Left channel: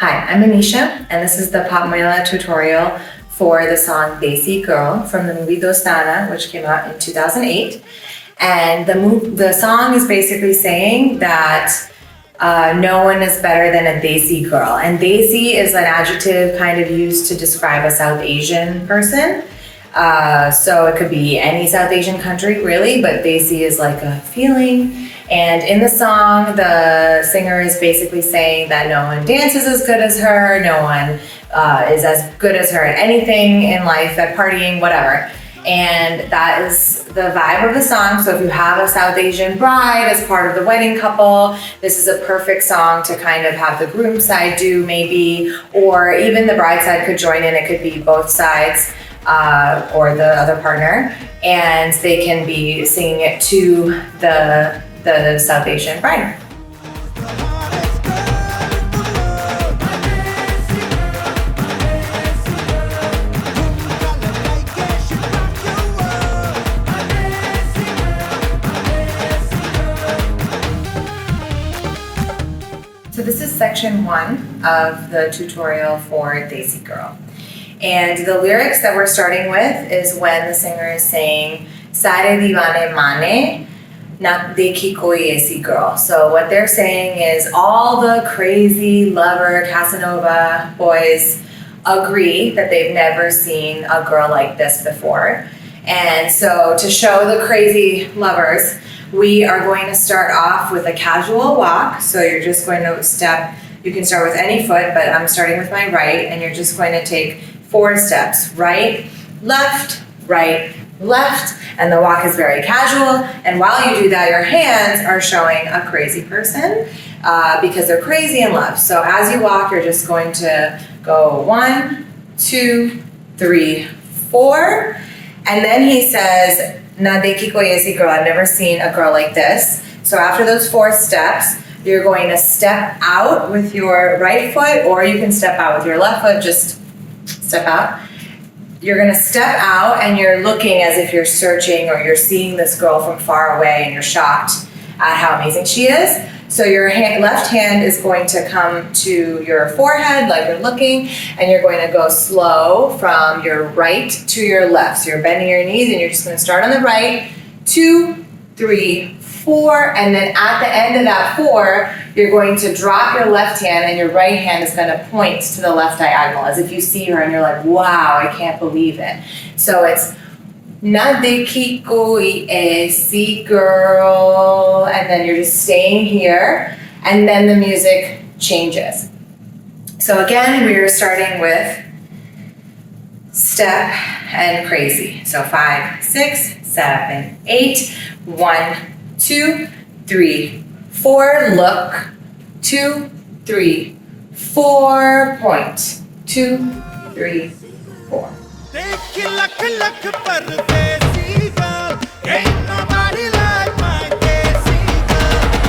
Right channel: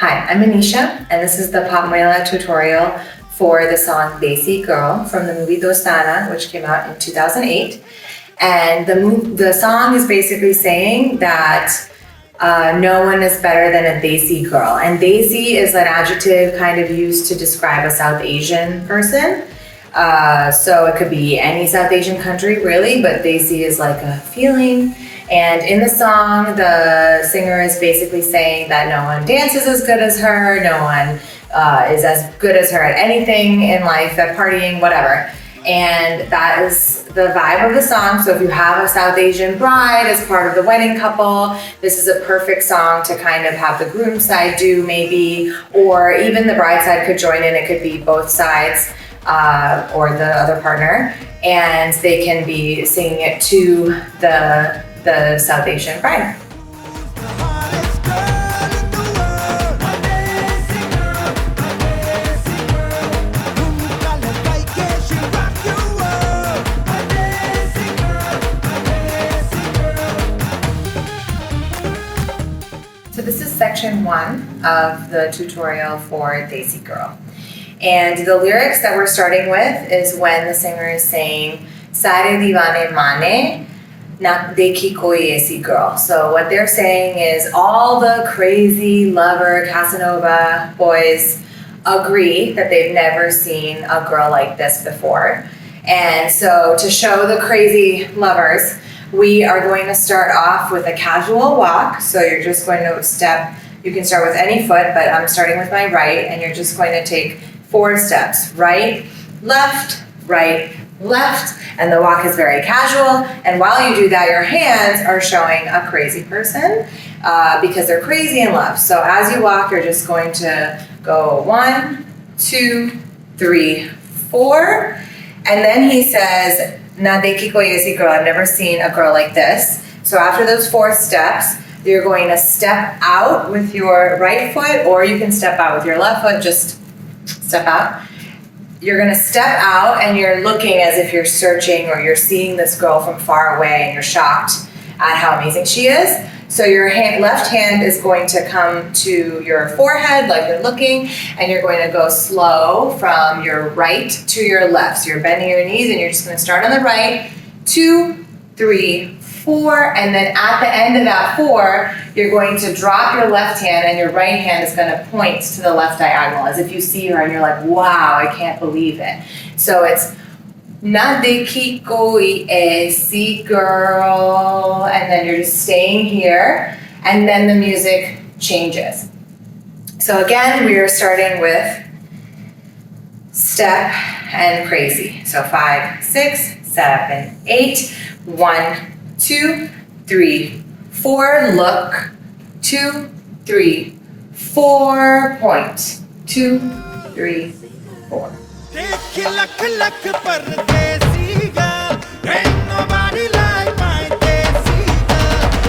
Hi, I'm Anisha, and this is the Pop Mela tutorial for the song Desi Girl from the movie Dostana, which came out in 2008. And the song is basically saying that no one is better than a Desi girl. And Desi is an adjective kind of used to describe a South Asian person. So it could be any South Asian country, really, but Desi is like a feeling. And in the song, the singer is basically saying that no one dances as good as her, no one is as good as her at anything in life, at partying, whatever. And that is the vibe of the song. So if you have a South Asian bride as part of the wedding couple, this is a perfect song to kind of have the groom side do maybe, or even the bride side could join in. It could be both sides or the other partner, and they can be singing it to the South Asian bride. So this is section 1 of the tutorial for Desi Girl. And the lyrics that we're starting with is when the singer is saying, Sare divane mane, na dekhi koi aisi girl. So what they're saying is all the crazy lover Casanova boys agree that they've never seen a girl like this before. And so to show the crazy lovers, we are going to start off with a casual walk. So you're just going to step, you can start with any foot, but I'm starting with my right, and you're just going to take 4 steps, right, left, and the walk is very casual. And while you do that, your hands are showing a crazy person because they're crazy in love. So as you walk, you're just going to go 1, 2, 3, 4, and then he says, Na dekhi koi aisi girl, I've never seen a girl like this. So after those 4 steps, you're going to step out with your right foot, or you can step out with your left foot, just step out. You're going to step out and you're looking as if you're searching or you're seeing this girl from far away and you're shocked at how amazing she is. So your left hand is going to come to your forehead like you're looking, and you're going to go slow from your right to your left. So you're bending your knees and you're just going to start on the right, 2, 3, 4, and then at the end of that 4, you're going to drop your left hand and your right hand is going to point to the left diagonal as if you see her and you're like, wow, I can't believe it. So it's Na dekhi koi aisi girl, and then you're just staying here, and then the music changes. So again, we're starting with step and crazy. So 5, 6, 7, 8, 1, 2, 3, 4, look, 2, 3, 4, point, 2, 3, 4.